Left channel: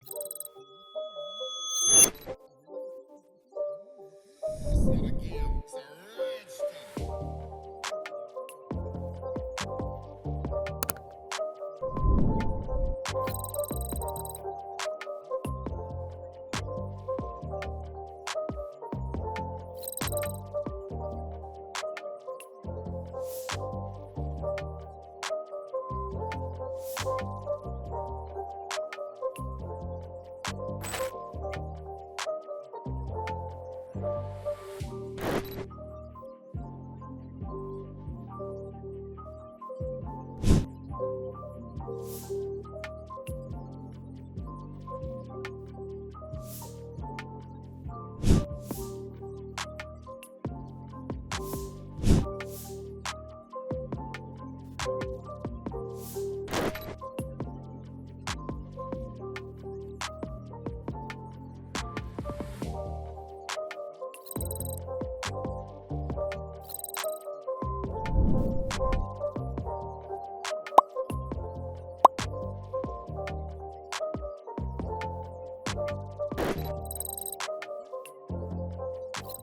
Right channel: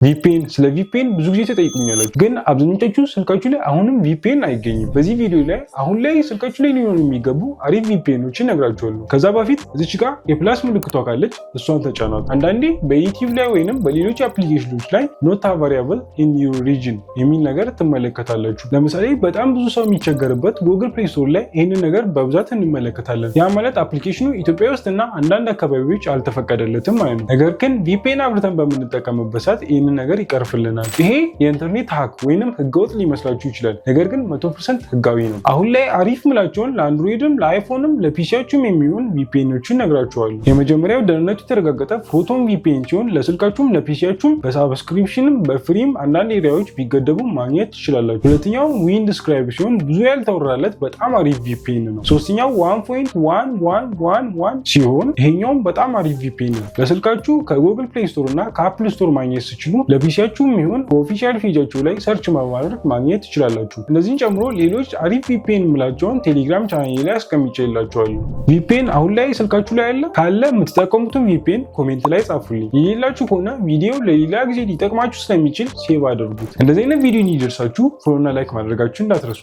ቪፒኤን ስለ ቪፒኤን ብዙ ጊዜ ተጠይቁኛላችሁ፣ ግን አብዛኞቻችሁ ስልካችሁ ላይ አሁንም ቪፒኤን አይገኝም። በዚህ ቪዲዮ ላይ አሁን ላይ ስልካችሁ ላይ ሊሆኑ የሚገቡ አሪፍ ቪፒኤኖችን እነግራችኋለሁ። ከዛ በፊት እዚች ጋር የፕላስ ምልክቷ ካለች እሷን ተጫኗት። አንዳንዴ በዩቲዩብ ላይ ወይንም በሌሎች አፕሊኬሽኖች ላይ ኖት አቫሪያብል ኢን ዩር ሪጅን የሚል ነገር ትመለከታላችሁ። ለምሳሌ በጣም ብዙ ሰው የሚቸገርበት ጉግል ፕሌይ ስቶር ላይ ይህንን ነገር በብዛት እንመለከታለን። ያ ማለት አፕሊኬሽኑ ኢትዮጵያ ውስጥ እና አንዳንድ አካባቢዎች አልተፈቀደለትም ማለት ነው። ነገር ግን ቪፒኤን አብርተን በምንጠቀምበት ሰዓት ነገር ይቀርፍልናል። ይሄ የኢንተርኔት ሀክ ወይንም ህገወጥ ሊመስላችሁ ይችላል፣ ነገር ግን 100% ህጋዊ ነው። አሁን ላይ አሪፍ ምላቸውን ለአንድሮይድም ለአይፎንም ለፒሲያችሁም የሚሆን ቪፒኤኖችን ነግራችኋለሁ። የመጀመሪያው ደህንነቱ የተረጋገጠ ፕሮቶን ቪፒኤን ሲሆን ለስልካችሁም ለፒሲያችሁም በሳብስክሪፕሽንም በፍሪም አንዳንድ ኤሪያዎች ቢገደቡ ማግኘት ትችላላችሁ። ሁለተኛው ዊንድስክራይብ ሲሆን ብዙ ያልተወራለት በጣም አሪፍ ቪፒኤን ነው። ሶስተኛው 1.1111 ሲሆን ይሄኛውም በጣም አሪፍ ቪፒኤን ነው። ለስልካችሁ ከጉግል ፕሌይ ስቶር እና ከአፕል ስቶር ማግኘት ሲችሉ ለፒሲያችሁም ይሁን በኦፊሻል ፔጃችሁ ላይ ሰርች በማድረግ ማግኘት ትችላላችሁ። እነዚህን ጨምሮ ሌሎች አሪፍ ቪፒኤን የምላቸውን ቴሌግራም ቻናሌ ላይ አስቀምጬላችኋለሁ። ቪፒኤን አሁን ላይ ስልካችሁ ላይ አለ? ካለ የምትጠቀሙትን ቪፒኤን ኮሜንት ላይ ጻፉልኝ። የሌላችሁ ከሆነ ቪዲዮ ለሌላ ጊዜ ሊጠቅማችሁ ስለሚችል ሴቭ አድርጉት። እንደዚህ አይነት ቪዲዮ እንዲደርሳችሁ ፎሎና ላይክ ማድረጋችሁ እንዳትረሱ።